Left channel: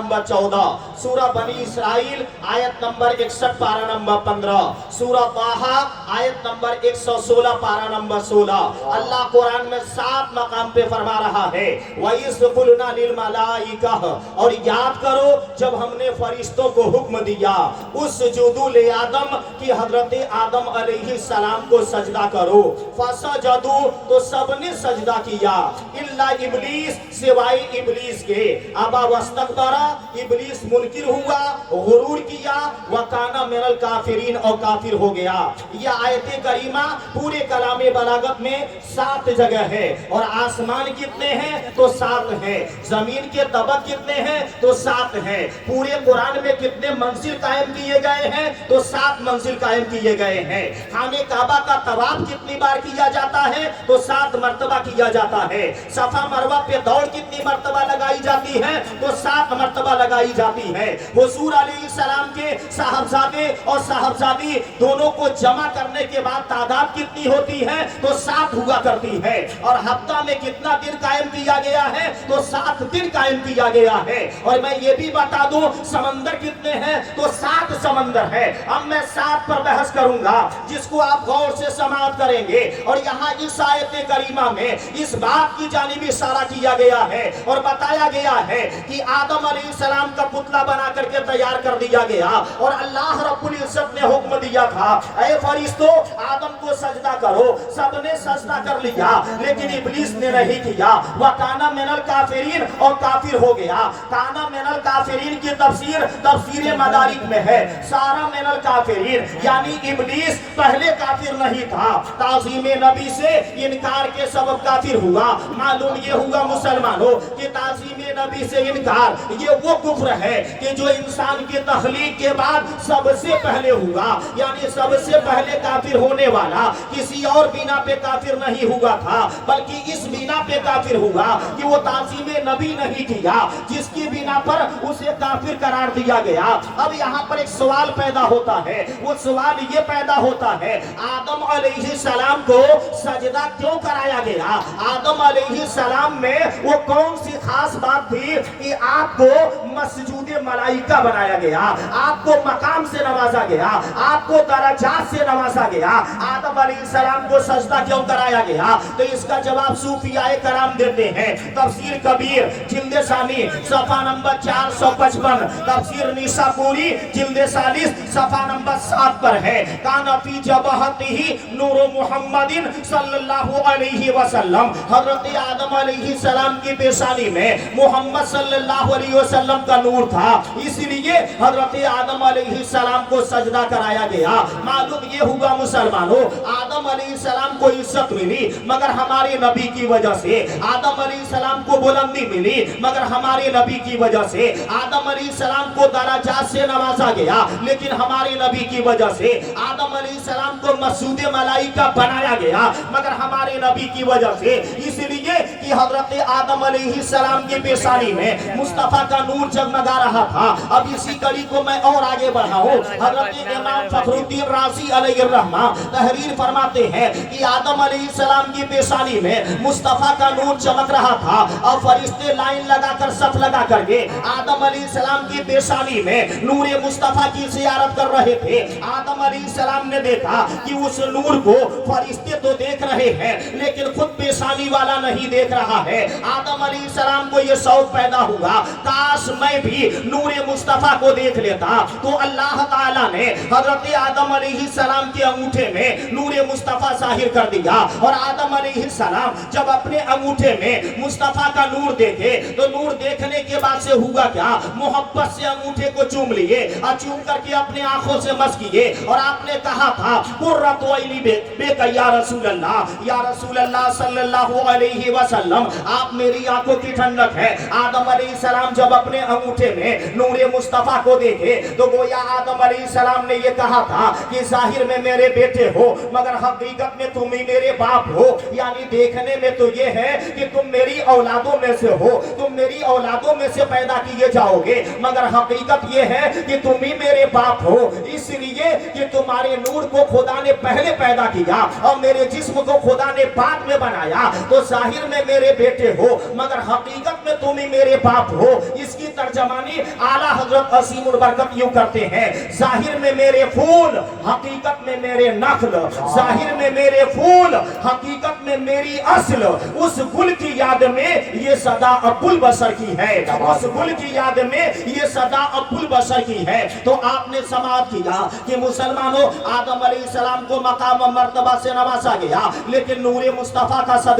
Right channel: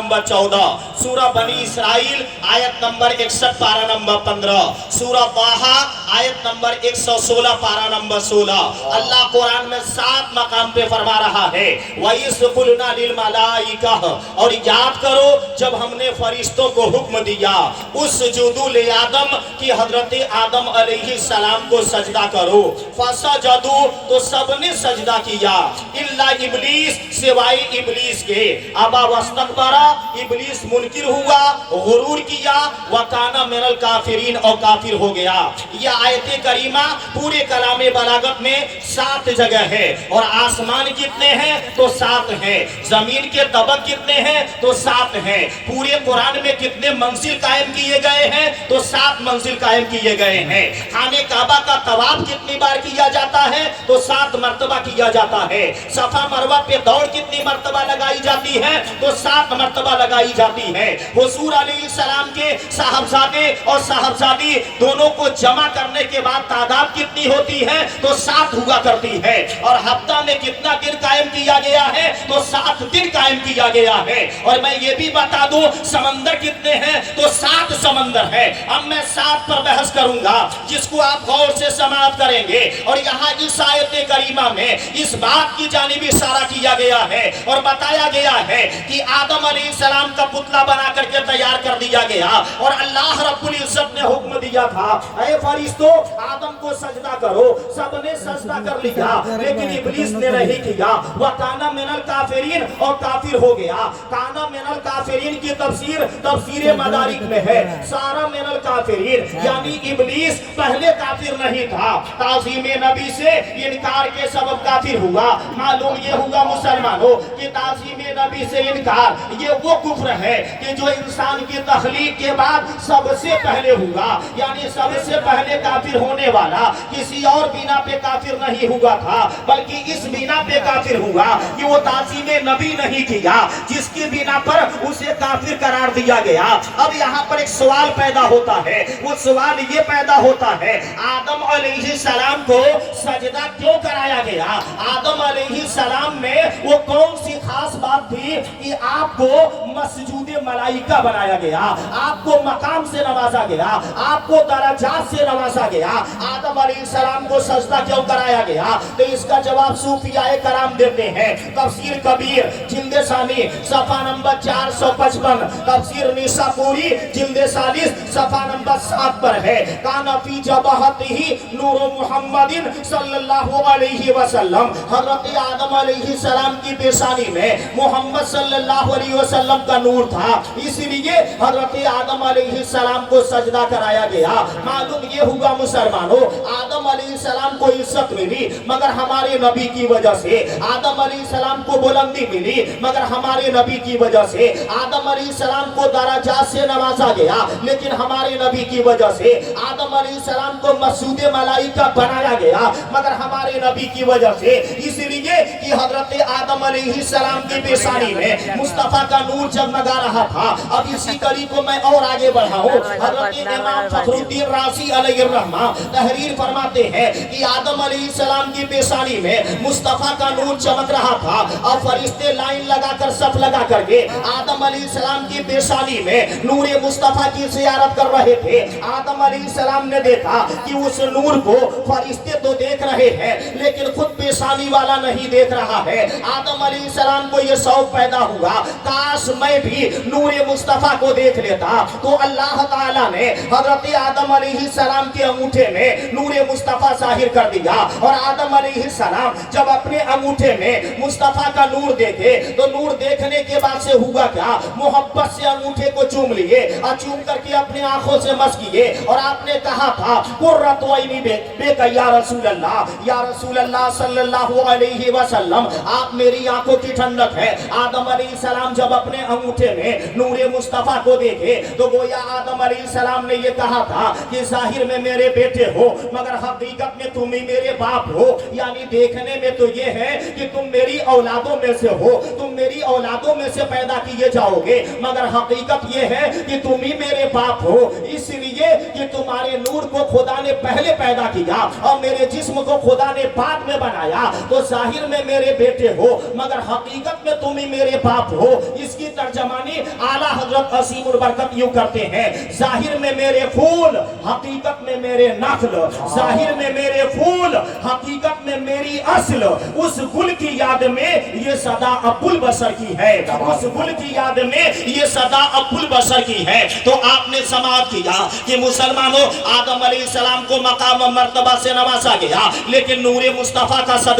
Number 14، سورہ بنی اسرائیل آیت نمبر 61 پارہ نمبر 15، سورہ طٰہٰ آیت نمبر 116 پارہ نمبر 16۔ اللہ قرآن میں 7 مقام پہ فرما رہا ہے وَإِذْ قُلْنَا لِلْمَلَائِكَةِ، اور یاد کرو جب ہم نے فرشتوں کو حکم دیا اسجدوا لآدم کہ حضرت آدم علیہ السلام کو سجدہ کرو، فسجدوا تو سب نے سجدہ کیا الا ابلیس سوائے ابلیس کے، ابا واستکبر ابلیس منکر ہوا غرور کیا وکانا من الکافرین اور کافر ہو گیا۔ یہ آیت کریمہ پورے کلام بلاغت میں 7 جگہ ہے، اور آسمان کتنے ہیں تو 7 ہیں، زمین کے طبق کتنے ہیں تو 7 ہیں، پورے قرآن میں کتنے منزل قائم کیے گئے ہیں تو 7 منزل قائم کیے گئے ہیں۔ خانہ کعبہ کا طواف کتنی بار کیا جاتا ہے تو 7 مرتبہ کیا جاتا ہے۔ صفا مروہ پہ دوڑ کتنی مرتبہ لگائی جاتی ہے تو 7 مرتبہ لگائی جاتی ہے۔ حضور علیہ السلام کے صاحبزادے اور صاحبزادی دونوں کو جمع کرنے کے بعد تعداد کتنی ہوتی ہے تو 7 ہوا کرتی ہے، اور ہفتہ میں کتنا دن قائم کیا گیا ہے تو 7 دن قائم کیا گیا ہے۔ اور میں یہ بھی بتا دوں سمندر کتنے ہیں تو 7 سمندر ہے۔ اب میں 7 پر بحث کروں گا جس کو آپ غور سے سماعت کریں گے، اور یہاں اس آیت کریمہ میں اس بات کی جانب اشارہ کیا گیا ہے اور بتایا گیا ہے کہ آدم علیہ السلام کا پتلا بنا کر کے تیار کر دیا گیا، اور اللہ رب العزت نے حکم دیا تھا اے فرشتوں آدم کو سجدہ کرو، سب نے سجدہ کر لیا لیکن ابلیس نے نہیں کیا، وَكَانَ مِنَ الْكَافِرِينَ اور کافر ہو گیا۔ کانا من الکافرین کی تفسیر مدارک میں ہے سارا من الکافرین، یعنی ابلیس پہلے کافر نہیں تھا، تعظیم نبی سے انکار کے سبب کافر ہوا۔ معلوم یہ ہوگا مسلمانوں کہ تعظیم نبی سے انکار یہ وہ کفر ہے کہ جو انسان کی تخلیق کے بعد سب سے پہلے ہوگا، یعنی سب سے پہلے کافر ہونے والا کسی اور بنا پہ کافر نہیں ہوا تھا، بلکہ اس بنا پہ کافر ہوا کہ وہ تعظیم نبی نہیں کیا، جس کی بنا پر اسے کافر قرار دیا گیا۔ اب یہاں پر ایک سوال پیدا ہوتا ہے، وہ سوال یہ پیدا ہوتا ہے آدم علیہ السلام کو سجدہ کیوں کرایا گیا؟ آدم علیہ السلام میں وہ کون سی خاص بات تھی کہ آپ کو مسجود ملائکہ بنایا گیا، آپ کو مقام سے نوازا گیا، آپ کو درجات سے نوازا گیا؟ آدم علیہ السلام کو سجدہ کیوں کرایا گیا؟ تو اس کا جواب صوفیاء کرام دیتے ہیں۔ تفسیر کبیر جلد ثانی صفحہ نمبر 455، تفسیر نیسابوری جلد ثالث صفحہ نمبر 7 پر ہے، کانا فی جبہتہ نور محمد صلی اللہ علیہ وسلم، حضرت آدم علیہ السلام کی پیشانی میں محمد صلی اللہ علیہ وسلم کا نور تھا، اس لیے حضرت آدم علیہ السلام کو سجدہ کرایا گیا۔ معلوم یہ ہوگا مسلمانوں آدم علیہ السلام کو عزت ملی مگر ہمارے نبی کی وجہ سے، آدم علیہ السلام کو بلندی ملی مگر ہمارے نبی کی وجہ سے، آدم علیہ السلام کو درجات سے نوازا گیا لیکن ہمارے نبی کی وجہ سے، آدم علیہ السلام کو مسجود ملائکہ بنایا گیا مگر ہمارے نبی کی وجہ سے، اس لیے کہ حضرت آدم علیہ السلام کی پیشانی میں مصطفیٰ کا نور جگمگا رہا تھا۔ اب اسی کڑی کو میں اور آگے بڑھاؤں، حضرت امام فخر الدین رازی علیہ الرحمہ تحریر فرماتے ہیں کہ آدم علیہ السلام کی پیشانی میں مصطفیٰ کا نور چمک رہا تھا، اور فرشتے لائن لگا کر صف لگا کر کے آدم علیہ السلام کی پیشانی میں نور مصطفیٰ کی زیارت کر رہے تھے۔ آدم علیہ السلام نے دیکھا کہ اس نور کو فرشتے تو دیکھ رہے ہیں لیکن خود پیشانی والا نہیں دیکھ رہا ہے۔ آدم علیہ السلام کو یہ شوق پیدا ہوا کاش میں بھی نور مصطفیٰ کو دیکھ لیتا، تو اللہ تعالیٰ نے حضرت آدم علیہ السلام کے انگوٹھے میں نور مصطفیٰ ظاہر کر دیا، اور آدم علیہ السلام جب اپنے انگوٹھے میں مصطفیٰ کا نور دیکھے تو نور دیکھنے کے بعد سے ہوا کیا؟ محبت سے انگوٹھے کو چوم لیے، اور چوم کر کے اپنے آنکھوں سے مس کیے، اور آپ نے کہا تھا قرۃ عینی بک یا رسول اللہ، یا رسول اللہ صلی اللہ علیہ وسلم آپ میری آنکھوں کی ٹھنڈک ہے۔ آدم علیہ السلام جب اپنے انگوٹھے میں نور مصطفیٰ کو دیکھے تو گویا آدم علیہ السلام نے یہ کہا تھا کہ ظاہر میں میرے بیٹے ہو مگر حقیقت میں تم ہی میرے باپ ہو، یعنی دیکھنے میں تو یہ ہے کہ تم میری اولادوں میں سے ہو، تم میری اولادوں میں سے پیدا کیے جاؤ گے، مگر حقیقت یہ ہے کہ تم ہی میرے باپ ہو، اس لیے کہ تمہارے نور کو خدا نے پہلے پیدا کیا اور میرے جسم کو خدا نے بعد میں بنایا، تو ظاہر میں میرے بیٹے ہو مگر حقیقت میں تم ہی میرے باپ ہو، اس اس کی ترجمانی اعلیٰ حضرت عظیم البرکت یوں کرتے ہیں، ظاہر میں میرے پھول حقیقت میں میرے نخل، ظاہر میں میرے پھول حقیقت میں میری اصل، اس گل کی یاد میں یہ صدا ابو البشر کی ہے، اس گل کی یاد میں یہ صدا ابو البشر کی ہے۔ تو آپ نے سماعت کیا کہ مسلمانوں آدم علیہ السلام کو مقام و مرتبہ سے نوازا گیا، لیکن نور مصطفیٰ کا صدقہ